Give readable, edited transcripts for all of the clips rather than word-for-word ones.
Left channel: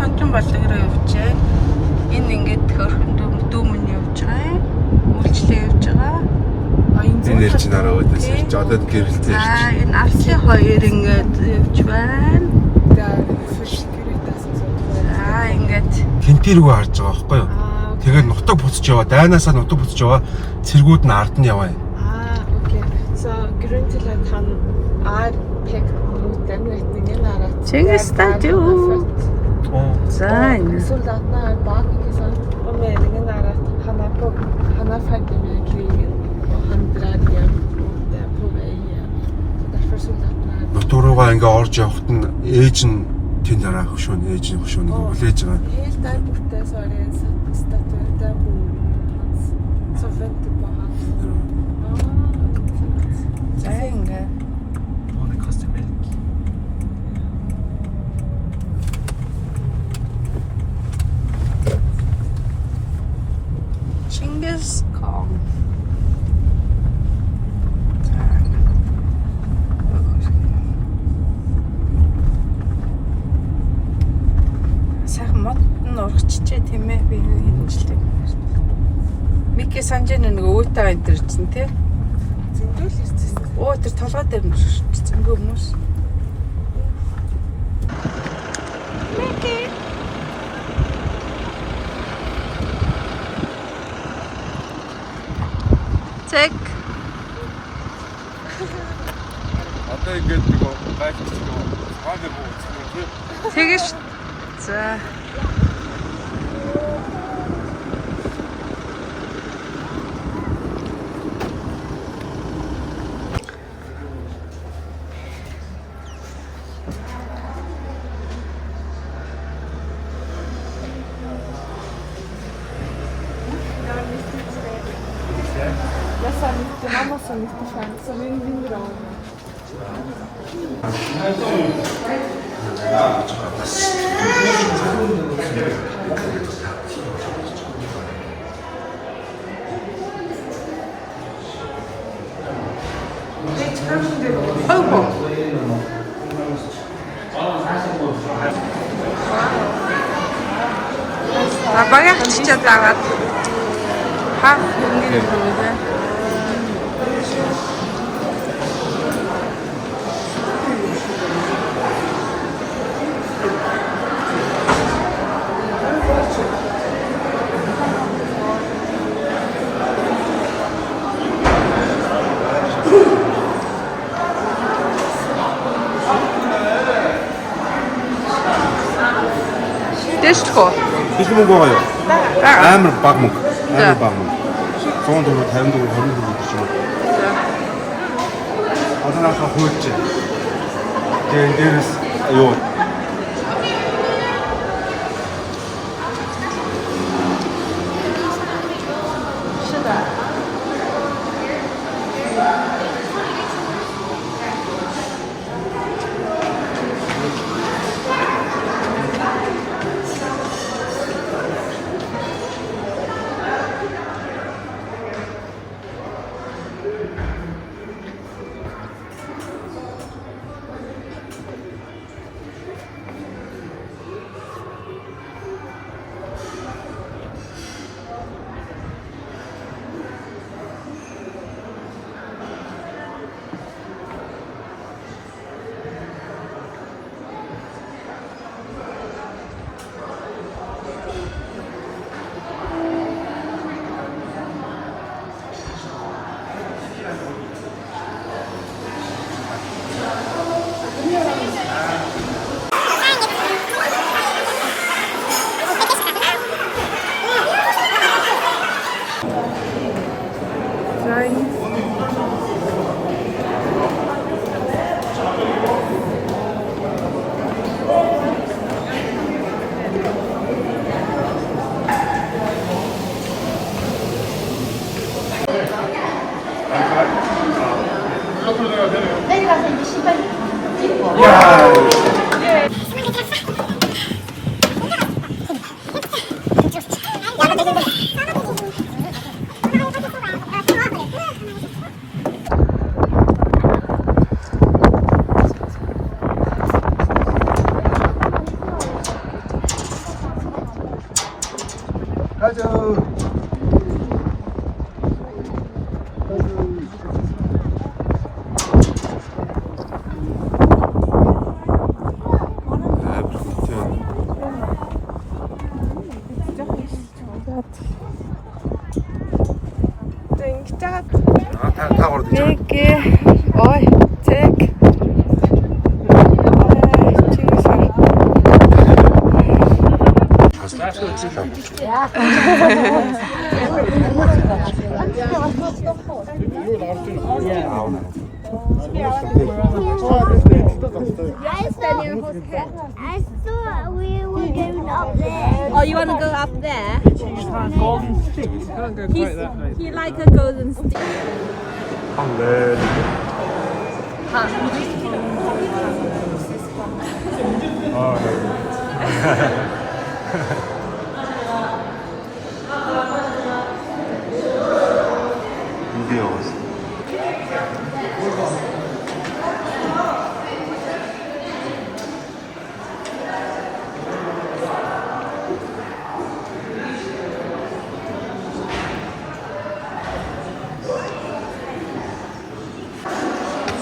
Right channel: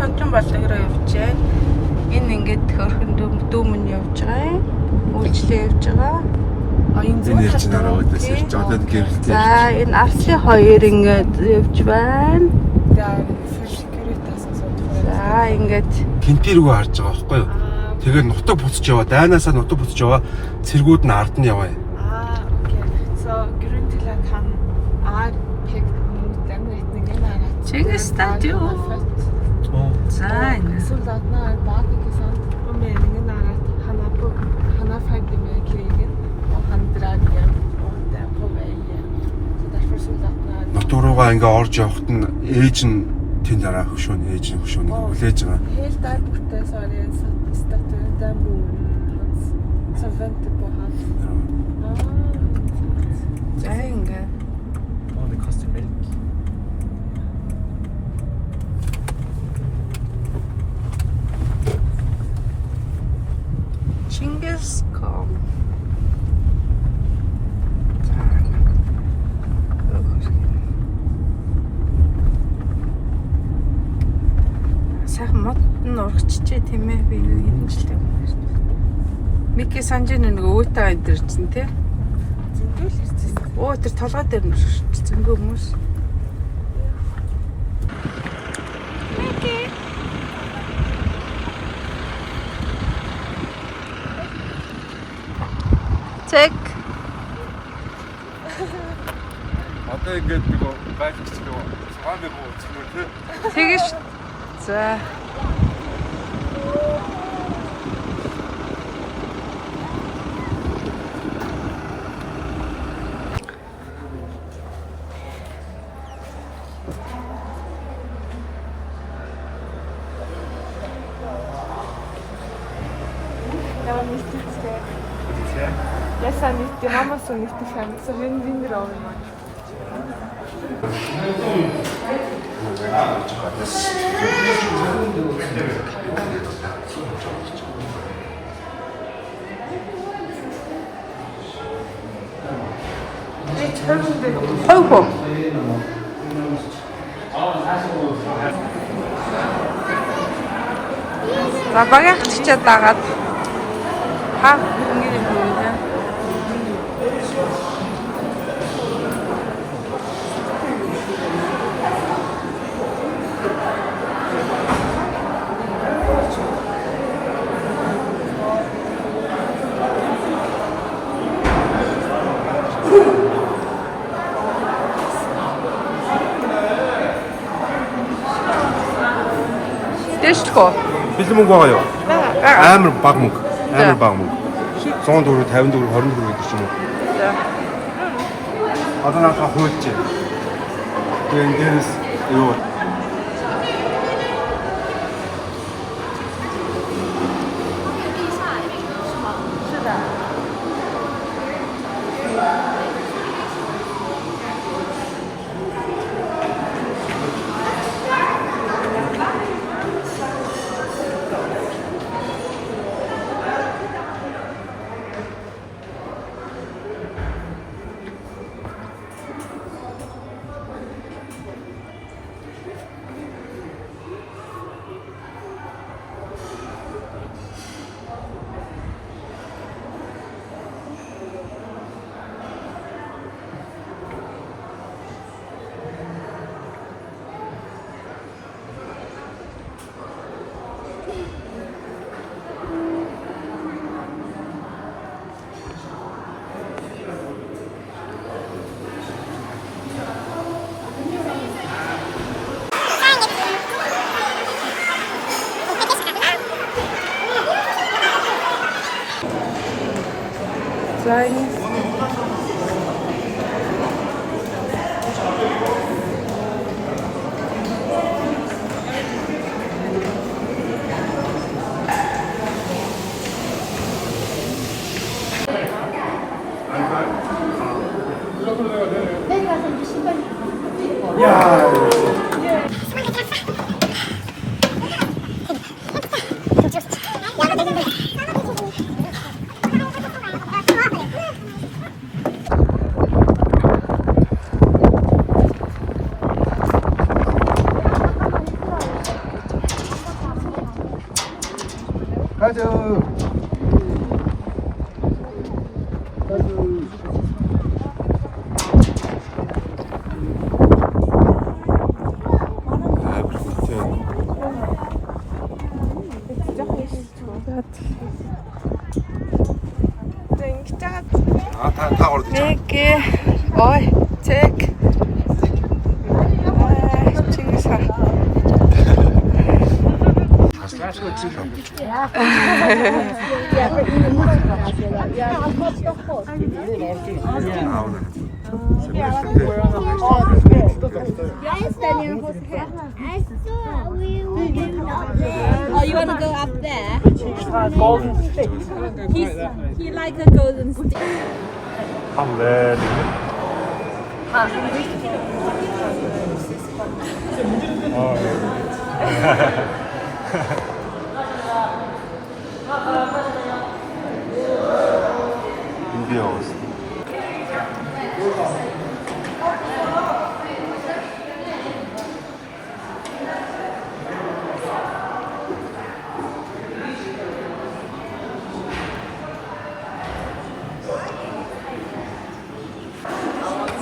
Сонжин баллаграа явж байна. Энэ ингээд төрхөн дүүмэн явж байгаа юм. Үйлчлээ явж байгаа. Энэ ирж нараа өдөөс ирж одоо гэрэлтэй ирж. За энэ Арслын хоёр ингээд явж байна. За ингээд Кемпиргүй харж байгаа байхгүй юу? Тэгээд нутаг буцаж яваа. Дайнаасаа нутаг буцаж яваа. Цэргүүд нь ард нь яваа. Okay. So Grünland han är helt mot den riktningen här att Чингисхан юу? За энэ soldaterna är bak, inte sant? Och meningen är att han är färdig med kriget och han drar igen och det är på väg igen. Så därför soldaterna är bak. Дуруугаа ингээ орж явахт нь ээж нь тэнд дараа хөшөөний ээжийн хөшөөнийг хүлээж байгаа. Helt där borta så är det en staty där bor hans som väntar på honom. за ингээд Чингисхан. Сайхан мод нь урагчжээ тийм ээ би юу хинжлээ. Мики санжин нэг өөтөө энэ төр чинь тий. Зиндүүл ирсэн. Оо тэр толгой дээр нь зөнгөө хүмүүс. Мики. Check. Одоо ингээд нөгөө байлгч нөгөө цааны буу үзмэр тий. Тэгэж. За. Jag sa inte, han var så mycket fan, så vi vinner av honom. 아이고. 나 방향 진짜 나가. 하, 연기를 보세요. дэшко. Бэлэн мөнгө байгаа юу? Амар баг мөнгө. Амар баг мөнгө. 100 төгрөг, 50 төгрөг, 20 төгрөг гэж юм. За. Одоо наахаа хуульч. Тэгээд дээрээс юу? I thought we were going up there. Oh, you want to go up there? Golden stick. He like a golden stick. 인디아 왔어.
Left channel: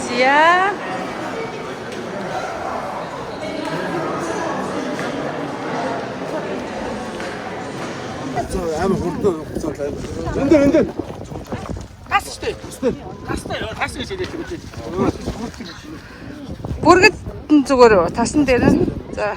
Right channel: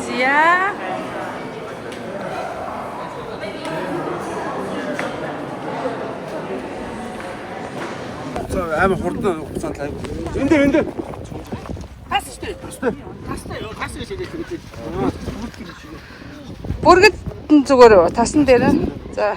지야. 아무 хурдан хуцаатай. Энд. Бүргэд зүгээр тасан дээр нь. За.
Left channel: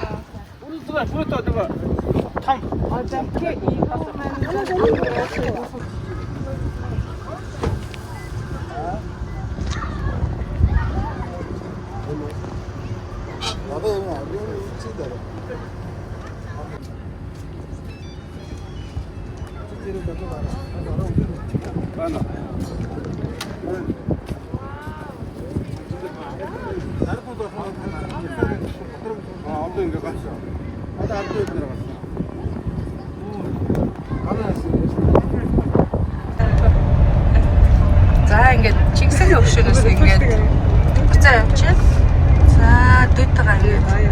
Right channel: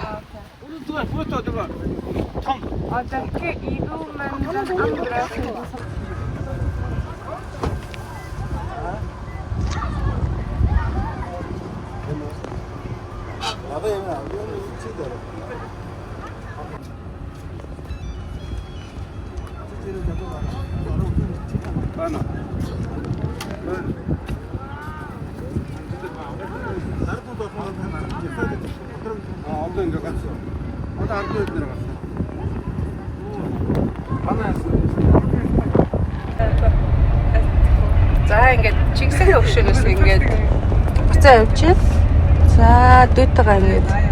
Бана. 얼른 이거 갔어. 아까 안 보여 들어갔어. За ингээд чигсэг өвшөнөөс ингээд буцаа явчих. За дүүтэйгээ ингээд